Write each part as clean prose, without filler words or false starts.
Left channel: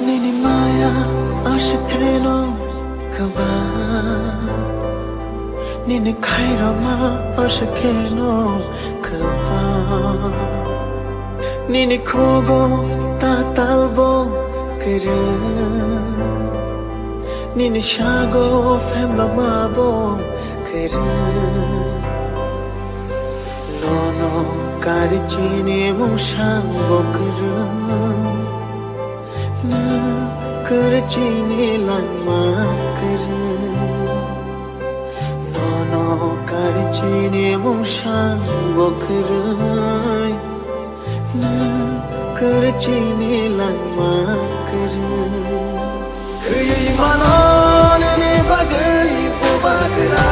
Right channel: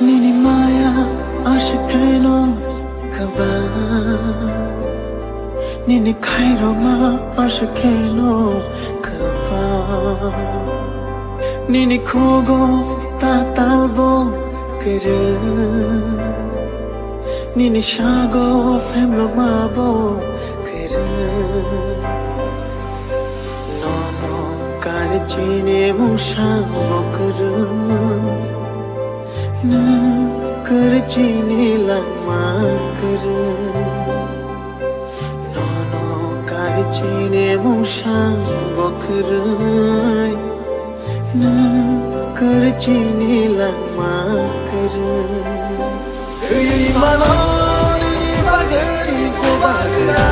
Nini maya ashkeno kaba Nini khairo ma ashkeno kaba Nini khogo ta talbo kere Nini shago femlog ma bo kere No no karchine mungshang bokru Na karchine langma kere No no karchine mungshang bokru Na karchine langma kere Khayai manon ni bagai bo bagra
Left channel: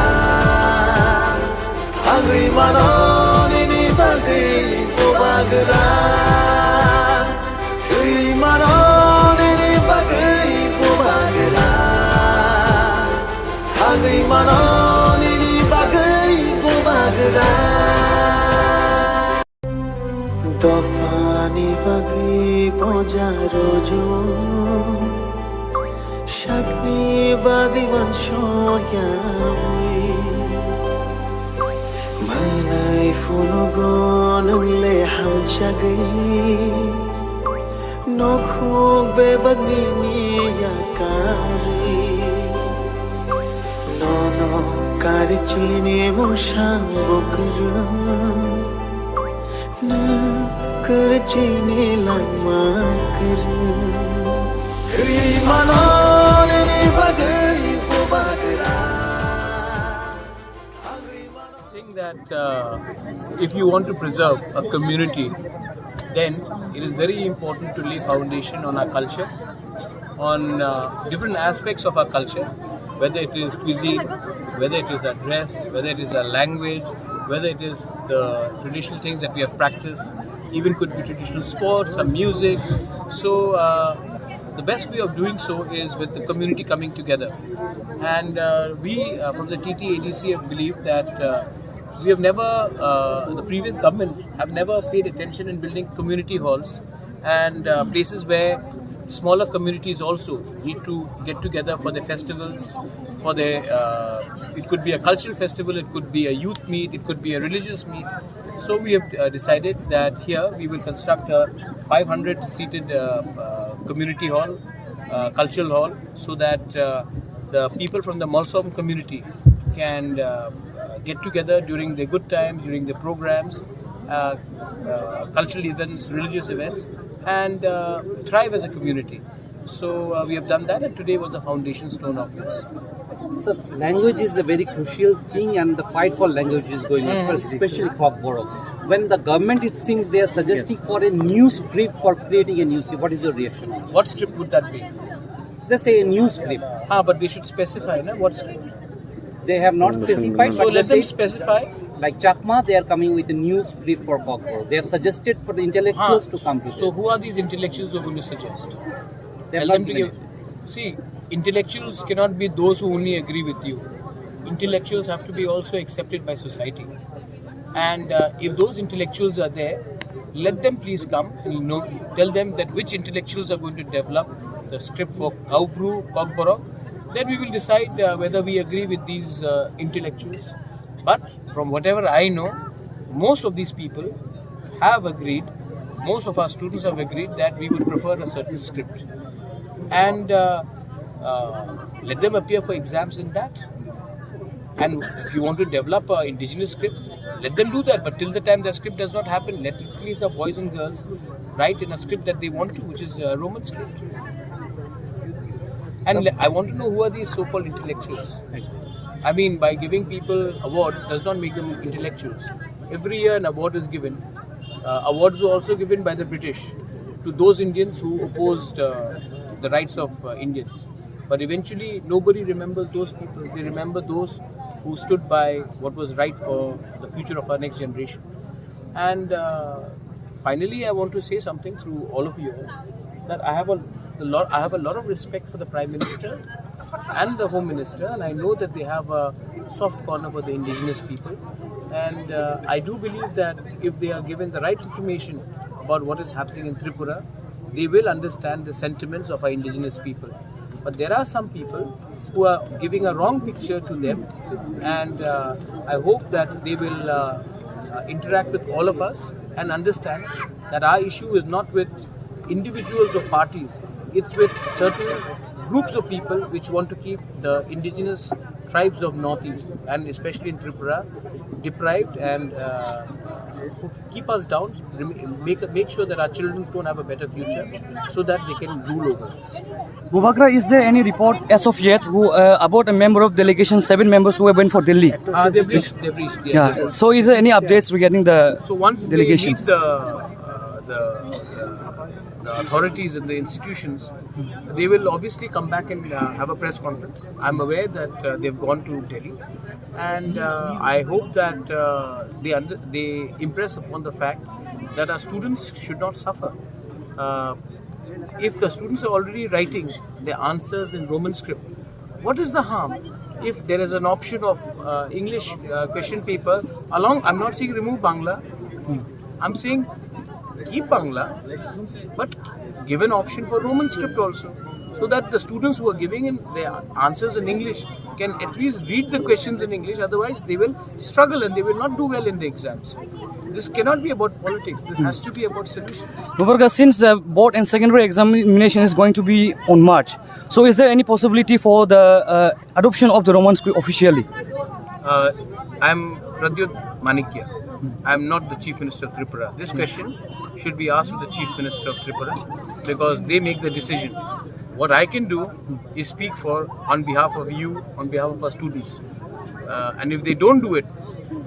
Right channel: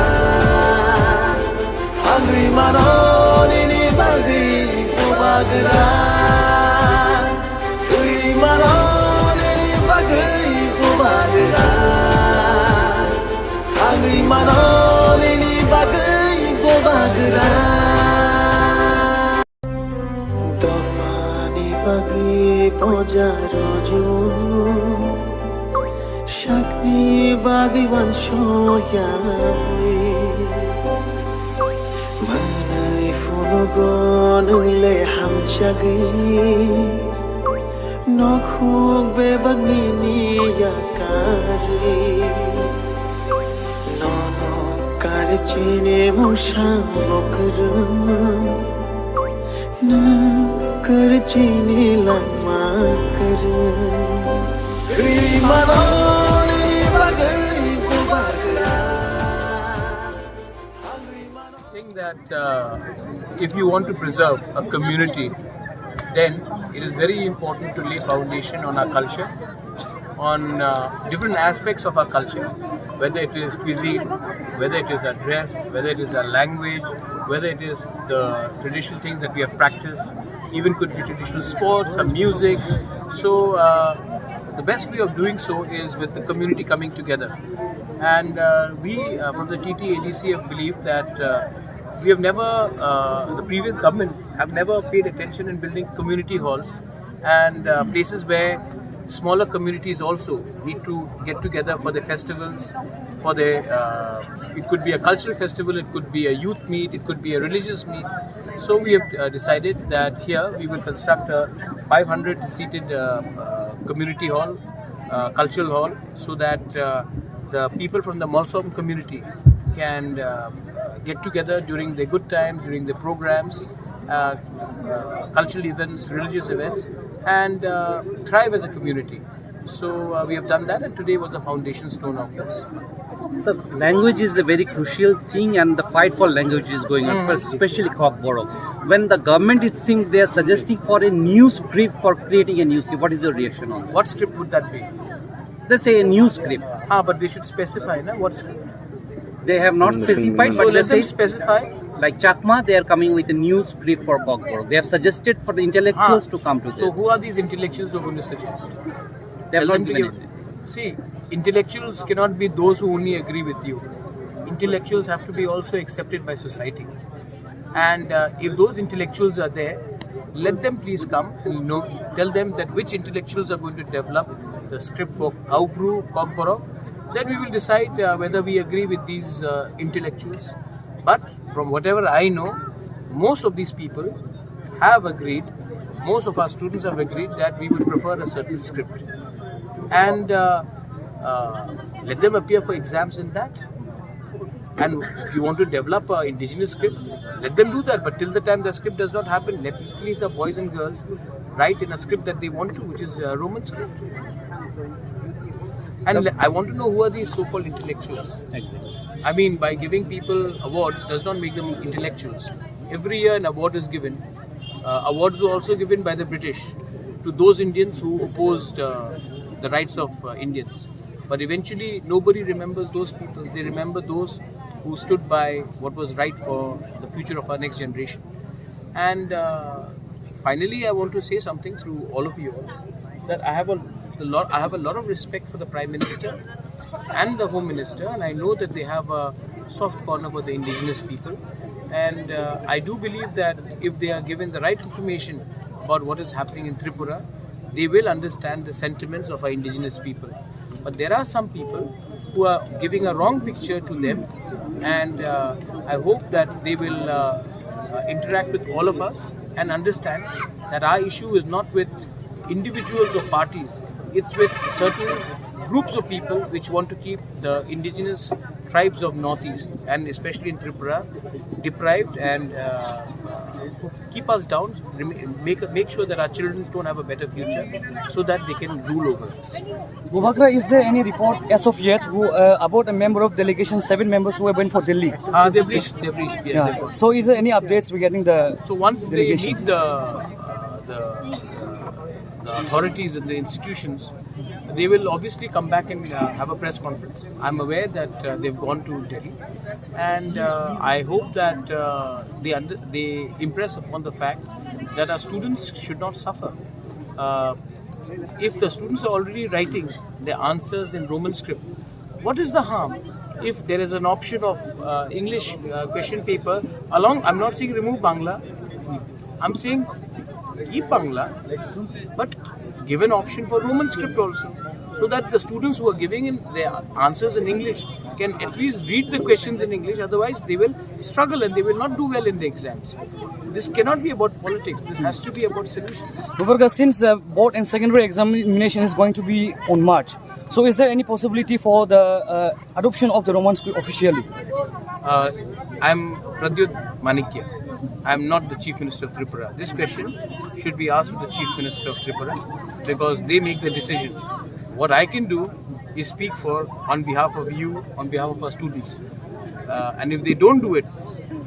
Hangri manon ni bagai bo bagra Khayai manon ni bagai bo bagra Hangri manon ni bagai bo bagra Dofani bagai poja rojo Shakni bagai vansho yawi Manai funugon le ham chagai Nokhug be bagnini yakari No no karchine mungshang bokru Na karchine langma kare Khayai manon ni bagai bo bagra I think that if you want to preserve a community, then it is very important to lay foundation on our culture, on different aspects of our culture, whether it is cuisine, whether it is our dress, whether it is our language, whether it is the traditional things that we have practiced, even could be traditional sports, some music. So the best way of doing so is with the community coming together. And we from the TTADC have believed that we have never, the previous governments have never paid attention in building community halls and places where smaller communities also need to get together for their festivals, for their, it could be a cultural festival, it could be a youth meet, it could be a religious meet. So we have decided that here we will construct a 500 seated community hall, cultural hall, so that the people from the Malsom community can get together during the good times, during the programs, cultural events, religious events, and thrive as a community. So we have done that, and today was the foundation stone of this. So language is a very crucial thing, and the fight for language is going on, especially Kokborok. When the government is saying they are suggesting for a new script for creating a new script, what is your reaction on that? What script would that be? They say a new script. But they should specify, na, what script. They have not specified. So let them specify. Like Chakma, they are coming with a new script for Kokborok. They have suggested for the intellectuals to come to. So who are these intellectuals who are going to suggest? They have Tell not them to given give. it. See, intellectuals cannot be those who only agree with you. Intellectuals have to be also accepted by society. And if those intellectuals are there, let them please come and tell them that which intellectuals are going to develop the script for Kaupru, Kokborok. Then we will decide whether we agree with these intellectuals. But from whatever I know, most of these people have agreed, most of our students have agreed that we would prefer a certain script. And let them appear for exams in that. And if you want to develop an indigenous script, let them do that. But till the time the script does not happen, let at least our boys and girls write in a script that they want to, which is a Roman script. And I want to know who are these so-called intellectuals. Exactly. I mean, by giving people awards does not make them intellectuals. Every year an award is given. Awards were also given by the British to those Indians who opposed the rights of Indians. But eventually nobody remembers those people. They remember those who stood by what was right for the future of our next generation. And finally, I want to say something through all of you all, that I have a lot of respect for the Prime Minister and the Home Minister, and I know that they have a soft corner for the indigenous people. And I do believe that if they are given the right information about what is happening in Tripura, they will understand the sentiments of our indigenous people. But there are some people who are giving a wrong picture to them, and I hope that they will interact with all of us and understand that our issue is not with individuals or parties, it's with certain groups of people which want to keep the indigenous tribes of Northeast and especially in Tripura deprived and keep us down, make sure that our children don't have a better future so that they can rule over us. Bubakra, is there any report as of yet about a member of delegation, 7 members who have went for Delhi? They've reached. Yeah. So is there any updates regarding the So once delegations? they meet the authorities and the institutions, they will obviously come back and have a press conference. I'm aware that they've gone to Delhi, and I hope that they impress upon the fact that our students should not suffer. If the students are already writing their answers in Roman script, what is the harm if there is an option of English question paper along? I'm not saying remove Bangla. I'm saying keep Bangla, but give an option for Roman script also, so that the students who are giving in their answers in English can at least read the questions in English. Otherwise, they will struggle and they will not do well in the exams. This cannot be about politics. This has to be about solutions. Bubakra, since the board and secondary examination is going to be on March, so is there any possibility for the adoption of the Roman script officially? I'm Pradyut Manikya. I'm not the Chief Minister of Tripura. This question should be asked to the Chief Minister of Tripura because they make the decision. What I can do is speak on behalf of you, on behalf of our students. And if they don't do it,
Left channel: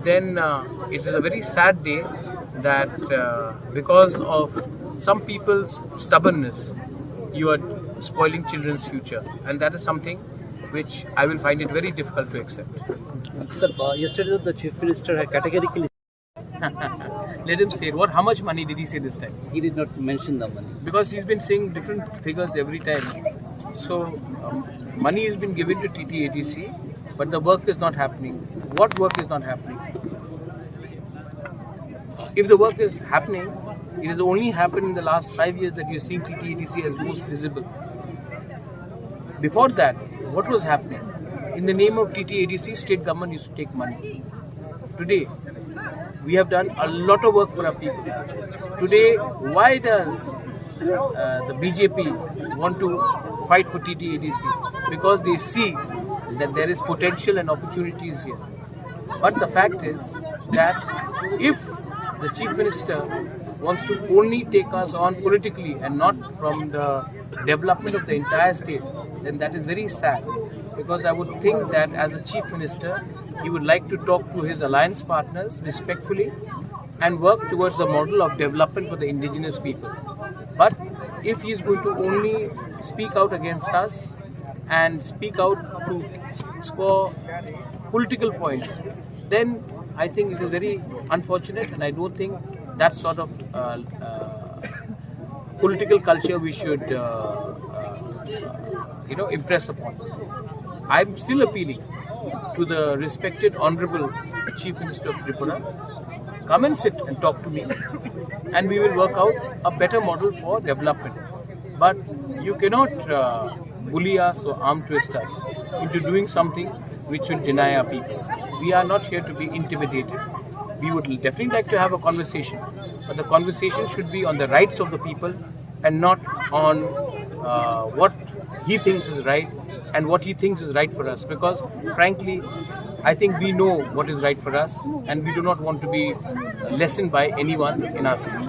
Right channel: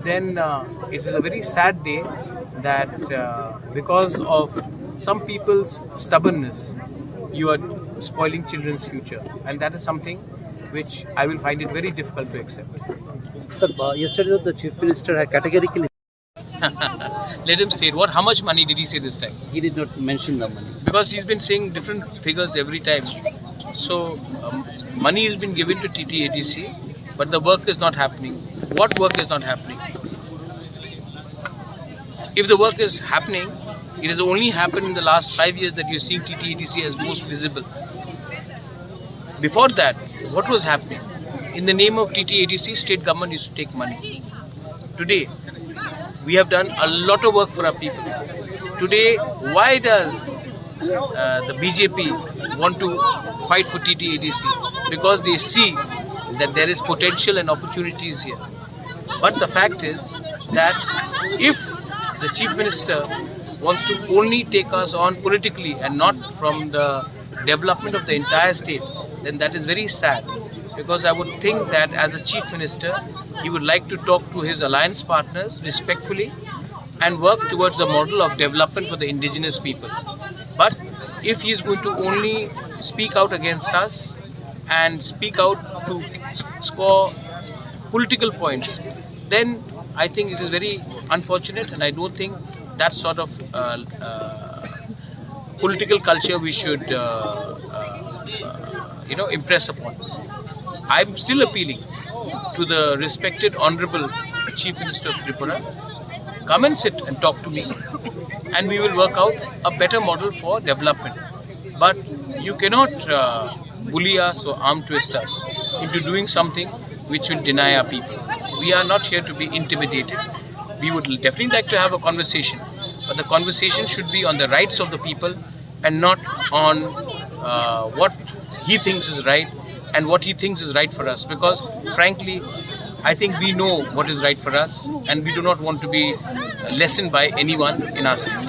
then it is a very sad day that because of some people's stubbornness, you are spoiling children's future. And that is something which I will find it very difficult to accept. Sir, yesterday the Chief Minister had categorically. Let him say it. How much money did he say this time? He did not mention the money. Because he's been saying different figures every time. So money has been given to TTADC, but the work is not happening. What work is not happening? If the work is happening, it has only happened in the last 5 years that you're seeing TTADC as most visible. Before that, what was happening? In the name of TTADC, state government used to take money. Today, we have done a lot of work for our people. Today, why does the BJP want to fight for TTADC? Because they see that there is potential and opportunities here. But the fact is that if the Chief Minister wants to only take us on politically and not from the development of the entire state, then that is very sad. Because I would think that as a Chief Minister, he would like to talk to his alliance partners respectfully and work towards the model of development for the indigenous people. But if he is going to only speak out against us and speak out to score political points, then I think it is very unfortunate, and I don't think that sort of political culture we should impress upon. I'm still appealing to the respected Honorable Chief Minister of Tripura. Come and sit and talk to me, and we will work out a better model for development. But you cannot bully us or arm twist us into doing something which will deny our people. We are not here to be intimidated. We would definitely like to have a conversation, but the conversation should be on the rights of the people and not on what he thinks is right and what he thinks is right for us. Because frankly, I think we know what is right for us, and we do not want to be lessened by anyone in our state.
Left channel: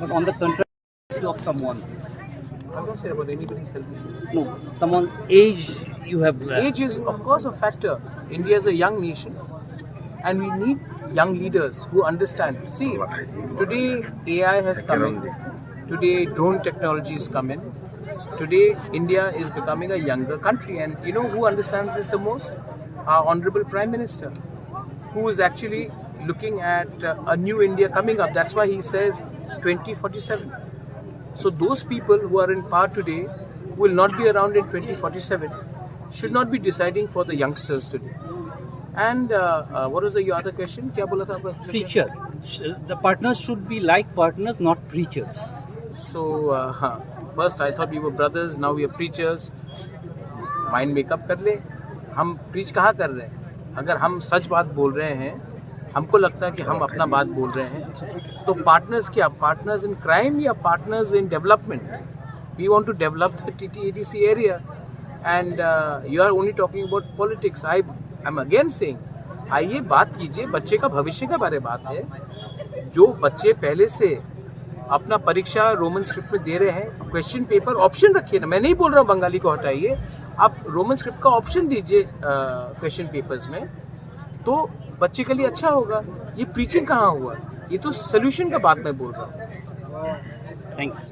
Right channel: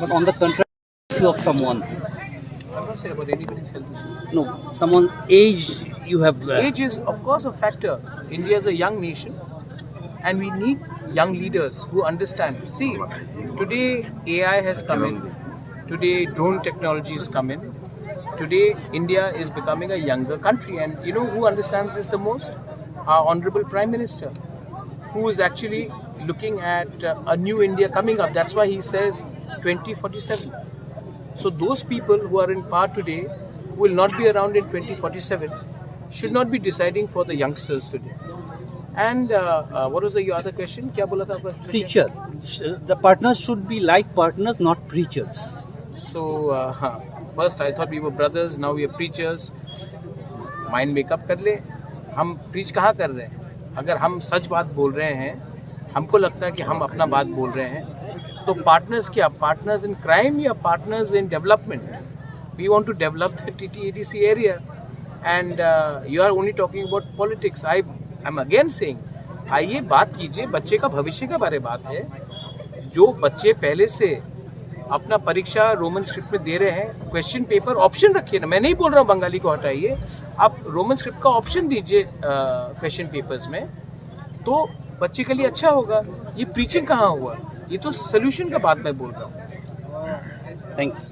But on the contrary, issue of someone. I'm not saying about anybody's health issue. No, someone age you have. Age is, of course, a factor. India is a young nation, and we need young leaders who understand. See, today AI has come in. Today drone technologies come in. Today India is becoming a younger country, and you know who understands this the most? Our Honorable Prime Minister, who is actually looking at a new India coming up. That's why he says 2047. So those people who are in power today will not be around in 2047, should not be deciding for the youngsters today. And what was your other question? Kya bola tha aapka? Preacher. The partners should be like partners, not preachers. So, first I thought we were brothers, now we are preachers. Mind makeup कर ले, हम preach कहाँ कर रहे हैं? अगर हम सच बात बोल रहे हैं, हमको लगता है कि हम अपना बात बोल रहे हैं, तो पार्टनर्स क्या? पार्टनर्स इन क्राइम या partners in development? We want to develop the TTADC area, and you are only talking about politics. I am again saying, आइए बात कीजिए, बच्चे का भविष्य के बारे में बात है। जो बच्चे पहले से अपना परीक्षा रोमन स्क्रिप्ट में दे रहे हैं, क्वेश्चन पेपर ऑप्शन रखिए ना। मैं नहीं बोल रहा हूँ बंगाली को हटाइए, आप रोमन स्क्रिप्ट का ऑप्शन दीजिए क्वेश्चन पेपर्स में, तो बच्चे के लिए अच्छा होगा। ये प्रीचिंग कहाँ हुआ? ये तो सोल्यूशन का बात मैं बोल रहा हूँ। थैंक्स।